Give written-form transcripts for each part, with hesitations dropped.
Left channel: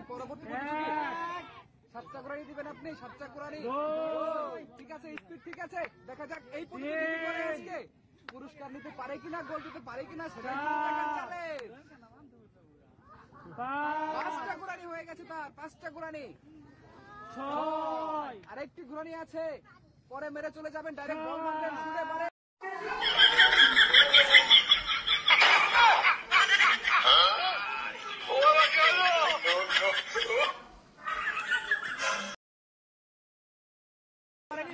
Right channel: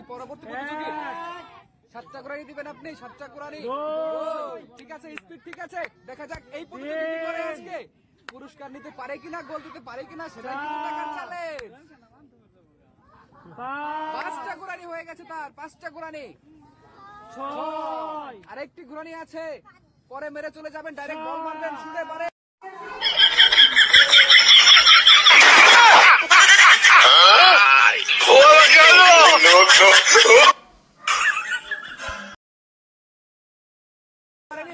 যাচ্ছি পরবর্তী সাতটা কোরআনি দিবেন আপনি, সাতটা কোরআনি। ঠিক আছে, স্পিড ঠিক আছে। দেখা যাক এই আজকে পুরস্কার নিতে পারে কিনা, গোল দিতে পারে কিনা, সেটা পাঁচটা কোরআনি হয়ে গেছে তার, পাঁচটা কোরআনি। আরেকটি কোরআনি আছে, পরে মেরে চলে যাবেন, ডাইরেক্ট বল মারবেন, শুনে পারে।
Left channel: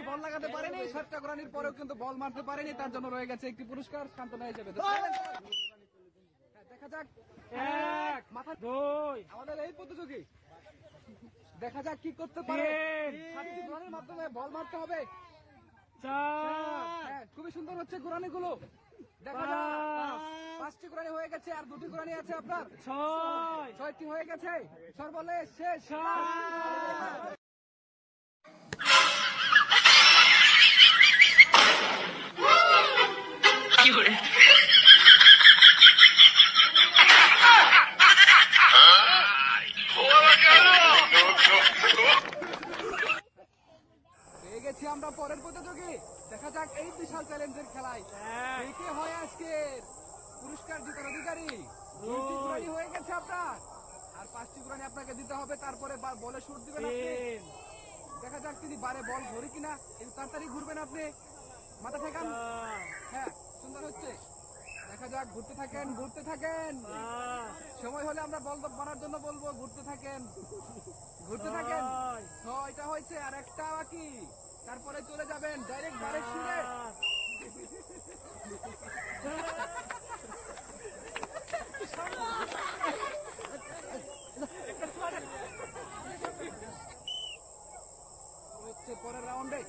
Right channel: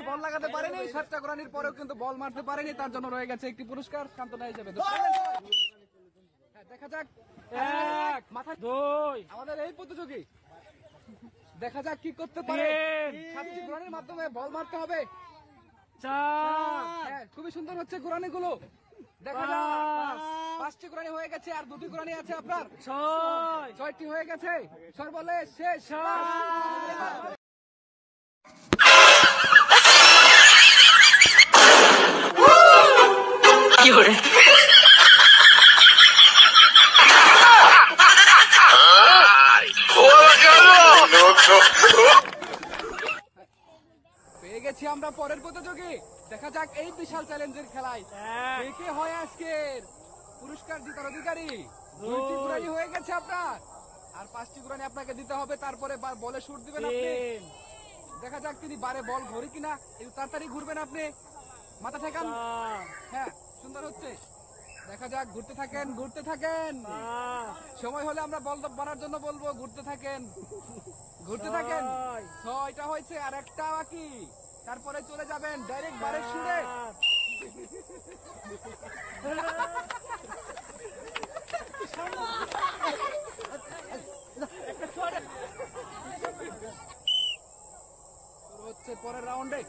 বল লাগাতে পারেনি, সাতটা কোরআনির পরেও কিন্তু বল মারতে পারেনি, তার জন্য রয়ে গেছে একটি পুরস্কার, সান্ত্বনা হিসেবে। দেখা যাক আমাদের এই প্রতিযোগী, দেখা যাক কি করতে পারে। সাতটি কোরআনির মাধ্যমে বল মারতে হবে। খুবই সুন্দর হচ্ছে কোরআনি গুলো। দেখা যাক পাঁচটি কোরআনি হয়ে গেছে, আর দুটি কোরআনি আছে আপনার। ছয়টি হয়ে গেছে, সর্বশেষ শেষ। পেয়ে গেছি আমরা পরের প্রতিযোগী। দেখা যাক এই বিশাল চ্যালেঞ্জের খেলায় কে হয় আজকের পুরস্কার জেতার অধিকারী। দুইটি কোরআনি হয়ে গেছে আপনার, আর পাঁচটি কোরআনি আপনাকে দিতে হবে, তারপরে বলে শুট দিবেন আপনি। দেখা যাক তিনি বারে বল ঘুরি কিনা, একটু তাড়াতাড়ি ঘুরবেন আপনি, মাথা ঠেকান। হ্যাঁ, সুন্দর হচ্ছে। দেখা যাক, ঘুরতে থাকেন, ঘুরতে থাকেন। সময় হলে আমরা বল বানার জন্য বলবো, ঘুরতে থাকেন, ঘুরতে থাকেন। ছয়টা হয়েছে, আর একটা বাকি, তারপরে চলে যাবেন ডাইরেক্ট বারের শুনে। হচ্ছে পরের রাউন্ডে।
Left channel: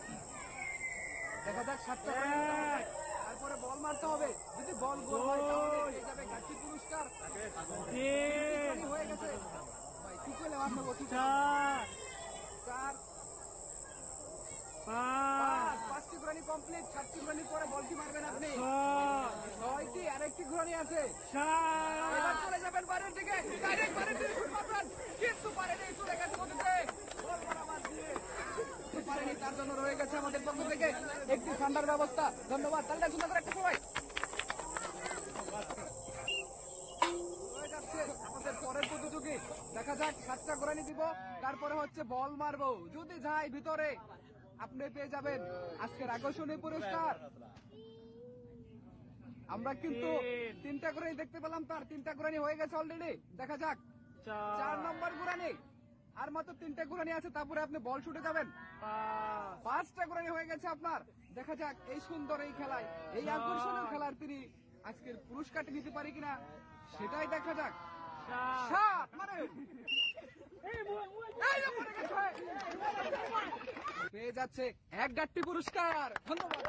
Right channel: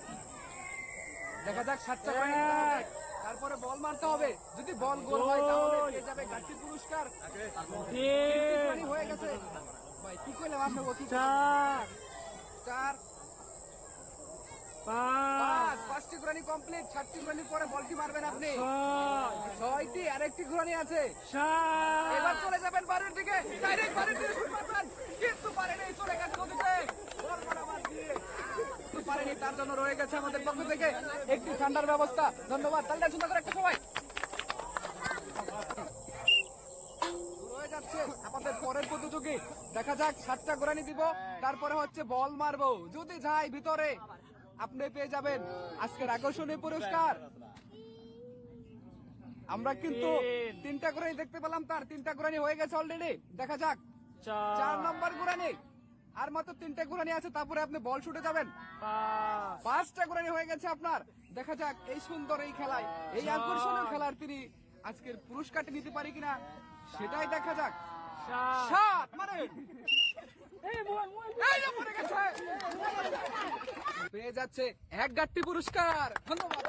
দেখা যাক সাতটা, তারপরে বল মারতে হবে। যদি বল গোল হয় তাহলে পেয়ে যাবে ঘাটতি পুরস্কার। হয়ে গেছে ভাই, কি করলাম আপনি? চার, পাঁচটি কোরআনি কমপ্লিট। সাতটি কোরআনি পরে বলটি মারবেন আপনি। ছয়টি, আরেকটি কোরআনি আছে। এবার চলে যাবেন বারের দিকে, কিন্তু পারেনি, চলে গেছে নদীতে। পারেনি, তার জন্য রয়ে গেছে আমাদের পক্ষ থেকে একটি ঠান্ডার ব্যবস্থা। ধন্যবাদ। তাহলে সুন্দর করে একটা সবাই আমাদের পরের প্রতিযোগী। দেখা যাক, সাতটা কোরআনি দিব, তারপরে হচ্ছে বল মারবো। যদি যাই ভিতরে, আপনি পেয়ে যাবেন আজকের আকর্ষণীয় পুরস্কার। আমরা কিন্তু তিনটা কোরআনি দেখতে পেলাম, তার তিনটা কোরআনি হয়ে গেছে অলরেডি। দেখা যাক 4 নম্বর কোরআনি, আর মাত্র 3টা কোরআনি আছে, তারপরে আপনি বল শুটে যাবেন। 5টা কোরআনি হয়ে গেছে আপনার। দেখা যাক এই সুন্দর এই খেলায়, এই আকর্ষণীয় খেলার তিনি আজকের পুরস্কারটি নিতে পারি কিনা, সেটাই দেখা যাক। পেয়ে যাচ্ছে এক গাঁটটি পুরস্কার। ধন্যবাদ।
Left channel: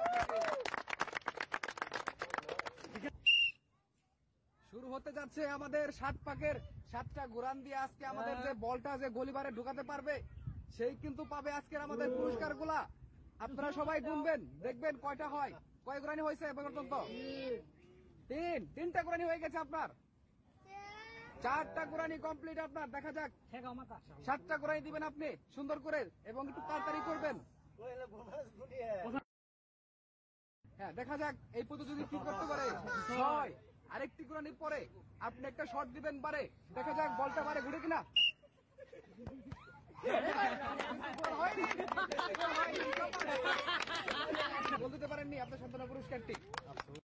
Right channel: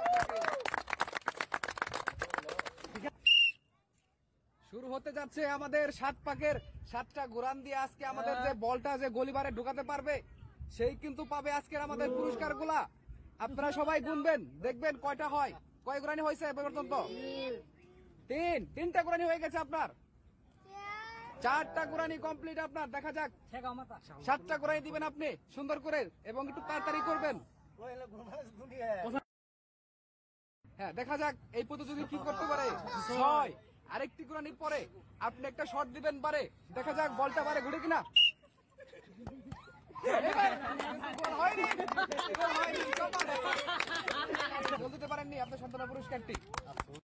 শুরু হতে যাচ্ছে আমাদের 7 পাকের 7টা কোরআন দিয়ে। আজকে আমাদের যে বলটা যে গলিবারে ঢুকাতে পারবে, সেই কিন্তু পাবে আজকের আমাদের পুরস্কার গুলা। আপনারা সবাই গুনবেন, দেখবেন কয়টা হয়। কয় কোরআনি হয়েছে এ পর্যন্ত? 3টা কোরআনি হয়ে গেছে আপনার। 4টা কোরআনি কমপ্লিট আপনার। দেখা যাক 7টা কোরআনি দিবেন আপনি সুন্দর করে, এবং একটু তাড়াতাড়ি করবেন। হ্যাঁ, দেখা যাক এই প্রতিযোগী কি করতে পারে। 6, আরেকটি কোরআনির পরে আপনি একটা শট দিবেন পারে। দেখা যাক বলটা পারে ঘুরে কিনা। বলতে পারেননি আপনার সান্ত্বনা পুরস্কারটি।